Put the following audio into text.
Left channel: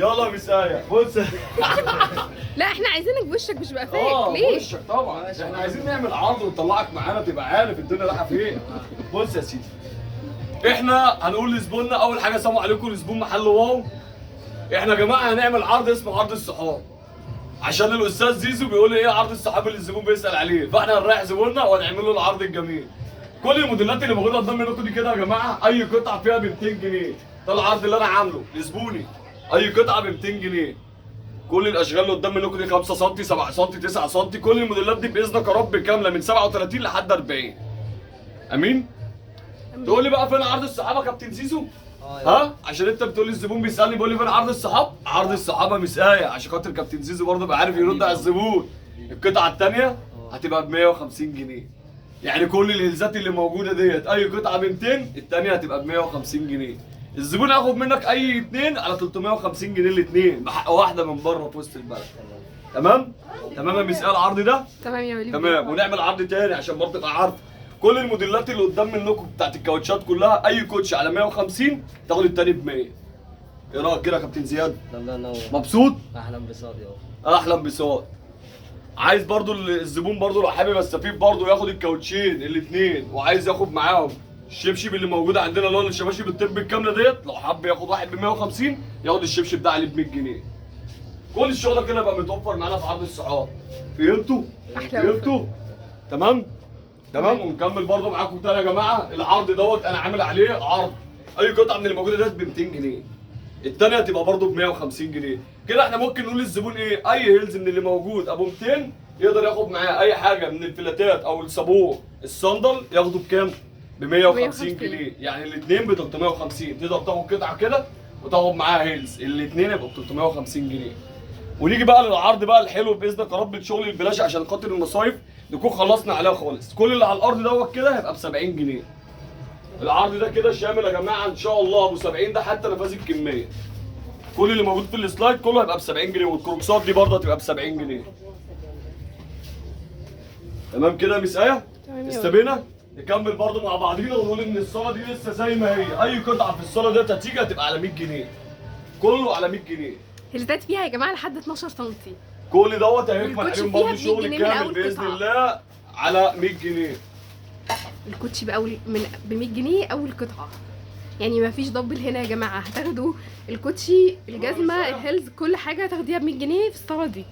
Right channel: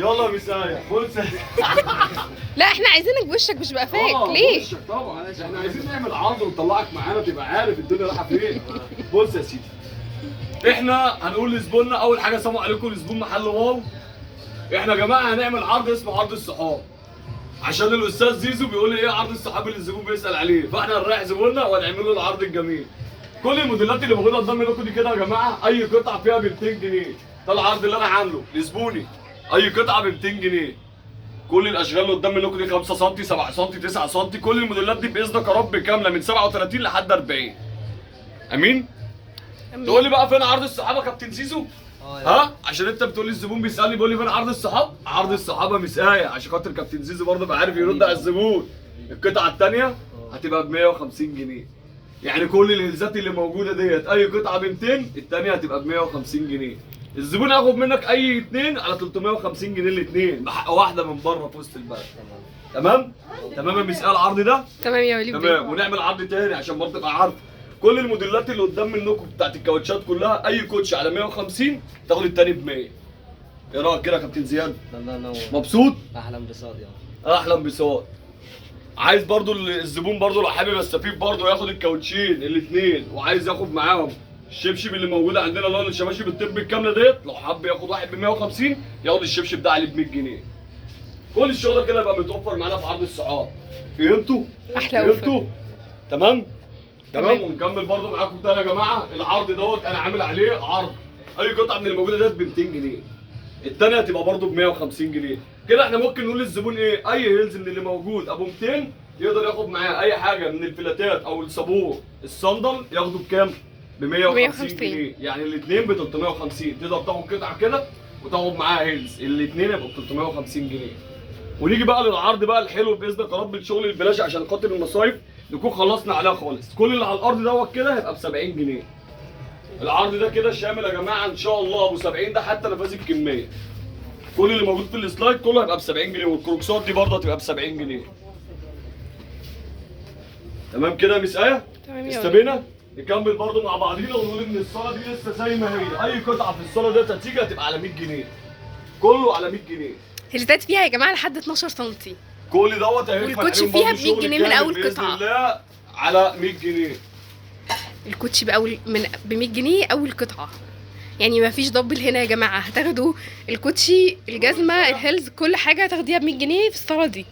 يلا مسايا بص. لا احنا عايزينك بوشك مش بقى فيك ليه؟ وشك طبعا، احنا عايزين نعمل عرض ونطلعك معانا تبقى عارف الدنيا رايحه فين. بص يا سيدي، احنا هنقول لزبوننا اول حاجه سلام عليكم لزبون محل واو. احنا يا جماعه هنعمل عرض اسمه عرض الصحاب، عشان الاستاذ زيزو بيقول ايه عرض الصحاب اللي الزبون بيسال عليه، فاحنا هنريح زبوننا وهنعمل له العرض الجميل. كل الموديلات اللي موجوده قدام منكم دي كده يا جماعه اي قطعه فيها ب 200 جنيه. ده العرض اللي انا عامله لزبوني، اي قطعه ب 200 جنيه. كل الاشغال اللي قدام منكم دي 5 سم 7 سم 9 سم، كل الموديلات دي باذنك يا رب كامله من 37 لحد 40. امين؟ تقول لي بقى فين عرض الصحابه يا كابتن زيزو؟ ها؟ عشان انت بتقول لي الزبون بيسالني بيقول لي فين عرض الصحاب؟ عرض الصحابه مسايه عشان خاطر كابتن زيزو برضه بقى عارف يرد على الزبون. القطعه الثانيه هتبقى ب 150 جنيه. يعني كل الهلزات اللي موجوده ديت اي قطعه ب 200، الثانيه هتبقى ب 150 جنيه. الزبون هياخد منك اي اثنين على 350 جنيه الاثنين بحق واحده من بره في وسط البلد. تمام؟ تمام يا مساء العرض ده؟ تمام يا وليد. تمام، ونعمل عرض تاني عشان برضه تبقى عارف. كل الموديلات اللي قدام منكم بتاعت الكاوتشات كلها اي كوتش على 150 تاخد التاني ب 100. ايه رايك كده يا كابتن زياد؟ الله ينور. مبسوط؟ احلى انبساط يابا. احلى انبساط. عايز برضه الزبون برضه لو حابب يستفيد برضه ياخد الكاوتشين الاثنين وعايز ياخد معاهم الشبشب اللي موجود عندنا اللي هو الشباشب الطب الكامله ديت، لو حب ياخد واحد ب 150 ياخد الشبشب ده عليه ب 100 جنيه. كل الشغل ده كده يبقى متوفر معانا في عرض الصحاب. فهمتوا؟ احلى فهمتوا؟ تمام؟ تمام. ونكمل برضه معاكم تاني يا جماعه. العرض دوت انا عامل عليه عرض اي قطعه من اللي موجوده ديت ب 200 جنيه. الثانيه هتبقى برضه ب 150 جنيه. كده احنا ممكن نقول للزبون ايه؟ اي هيلز من اللي موجود ابو 200 يقدر ياخد معاه اي حاجه من الفلاتات او الصابون الصندل ياخده بكام؟ ب 150 جنيه. يعني الاثنين ب 350. تقدر تاخد قطعه كده وتاخد معاها هيلز، الاثنين يبقوا ب 350 جنيه. ونيجي بقى للعرض بقى الحلو باذنك يا رب الشغل البلاش عشان خاطر المصايف نكون خلصنا عليها خالص. كل اللي على الارض دوت كده هيبقى ب 70 جنيه. العرض ده كده شامل يا جماعه ان شاء الله ابو 70 ده حتى نفاذي بكميه. كل اللي موجود في السلايد كله هيبقى ب 70 جنيه، والكروكسات دي برضه هتبقى ب 70 جنيه. تمام كده يا مسايه؟ تمام يا استبينا؟ نكمل برضه مع بعضينا ونقول ان الصاله دي لسه زي ما هي، اي قطعه في الصاله ديت هتيجي هتبقى على 100 جنيه. كله على 100 جنيه. هلتات فيها يا جماعه لحد 12 سم. كل دوت هينفع الكوتشي عليهم فيها برضه ب 100 شغل جنيه من كامل أول باذن قطعة. الله على 100 جنيه. الكوتشي ب 100 جنيه اول قطعه. يعني ما فيش دبل هنا يا جماعه، هتاخدوا الكوتشي الجزمه الهيلز كل حاجه هتاخديها ب 100 جنيه في الصاله دي.